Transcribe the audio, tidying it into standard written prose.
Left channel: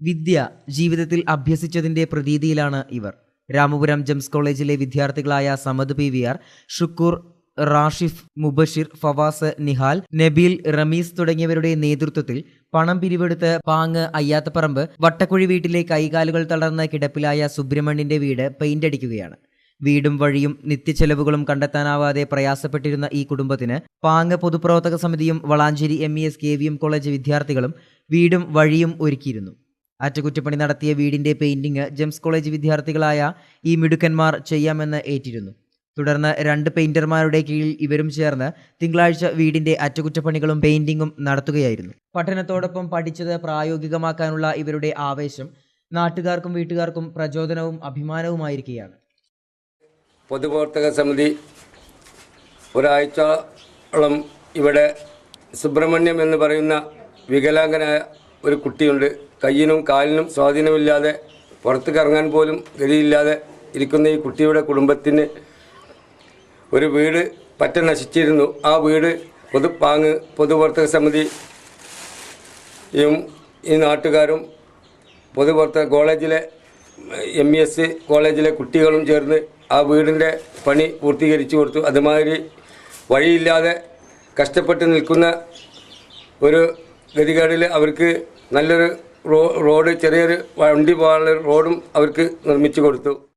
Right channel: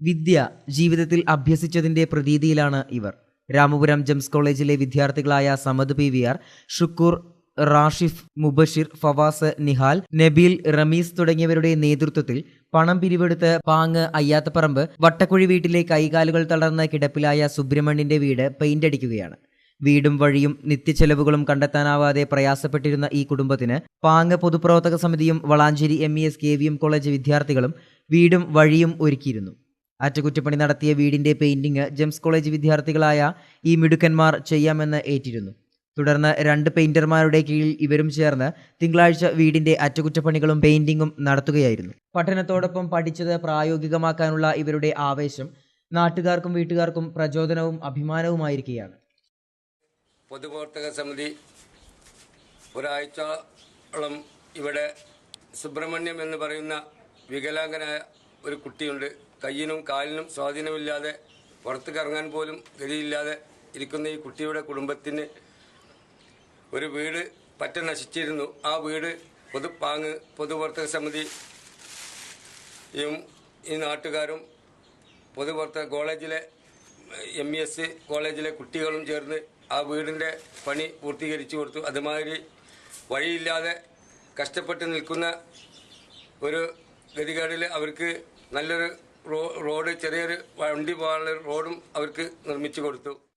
വിദ്യ ജീവിതത്തിൽ അഭ്യസിച്ചതിന്റെ പ്രതീതിയിലാണ് ഇവർ. രാമപുരം ജെംസ് കോളേജിലെ വിദ്യാർത്ഥികളായ സമദ് PVR, ഷുക്കൂർ, റാഷിഫ്, മുബഷിർ, ഫവാസ്, നിഹാൽ, നബീൽ, റമീസ് തുടങ്ങിയവരുടെ നേതൃത്വത്തിൽ പണം പിരിവെടുത്ത് പാങ്ങ് അയ്യാത്തപ്പറമ്പ് വട്ടക്കുഴി വീട്ടിലെ കൈകാലുകൾ തളർന്ന് കിടപ്പിലായ സുബ്രഹ്മണ്യന്റെ വീട് പെയിന്റ് അടിക്കുകയാണ്. വീടും വഴിയും നിത്യച്ചെലവുകളും കണ്ടെത്താനാവാതെ പ്രയാസപ്പെട്ടിരുന്ന ഈ കുടുംബത്തിന് പാങ്ങ് പൊതുപ്രവർത്തക സമിതിയും വളാഞ്ചേരി MES KVM കോളേജ് വിദ്യാർത്ഥികളും വീടും വഴിയും ഒരുക്കിയിരുന്നു. അറ്റകുറ്റപ്പണി നടത്തിയ വീടിന്റെ പെയിന്റിംഗ് ജെംസ് കോളേജ് വിദ്യാർത്ഥികളായ ഈ മിടുക്കന്മാർ ചെയ്യാമെന്ന് ഏറ്റിരുന്നു. തുടർന്ന് 2 പെയിന്റർമാരുടെ കീഴിൽ ഇവരും ചേർന്ന് തിങ്കളാഴ്ച വീടിന്റെ അറ്റകുറ്റപ്പണികളും പെയിന്റിങ്ങും നടത്തുകയായിരുന്നു. പഠനത്തോടൊപ്പം പഠിച്ചത് പ്രായോഗികമാക്കാനുള്ള ഇവരുടെ ആവേശം നാട്ടുകാർക്കും വീട്ടുകാർക്കും പ്രചോദനവും അഭിമാനവുമായിരിക്കുകയാണ്. പൊതുപ്രവർത്തക സമിതി ഒരാഴ്ചയോളം ഇവിടെ സുബ്രഹ്മണ്യം എന്ന് പറയുന്ന വികലാംഗനായ ഒരു കുട്ടിയുണ്ട്. കയ്യിനും കാലിനും സ്വാധീനമില്ലാതെ പുറത്തേക്ക് ഇറങ്ങാൻ പോലും ഗതിയില്ലാതെ ഇരിക്കുന്ന ഈ കുട്ടിയുടെ കുടുംബത്തിന് ഒരു വീട് പറ്റ നശിച്ചിരുന്നു. ആ വീട് പൊതുപ്രവർത്തക സമിതിയും ഈ നാട്ടുകാരും പൊതുപ്രവർത്തക കോളേജിലെ MES കോളേജിലെ കുട്ടികളും ചേർന്ന് ആ വീടിൻ്റെ പണി പൂർത്തീകരിച്ചു കൊടുത്തു. അതുമാതിരി വഴിയില്ലാതെ കഷ്ടപ്പെട്ട് നിൽക്കുന്ന ഒരു ഗതികേടിൽ അവർക്ക് നല്ലൊരു റോഡ്, ചെറിയൊരു വണ്ടി പോകാനുള്ള റോഡും അവർക്ക് നിർമ്മിച്ചു കൊടുത്തു.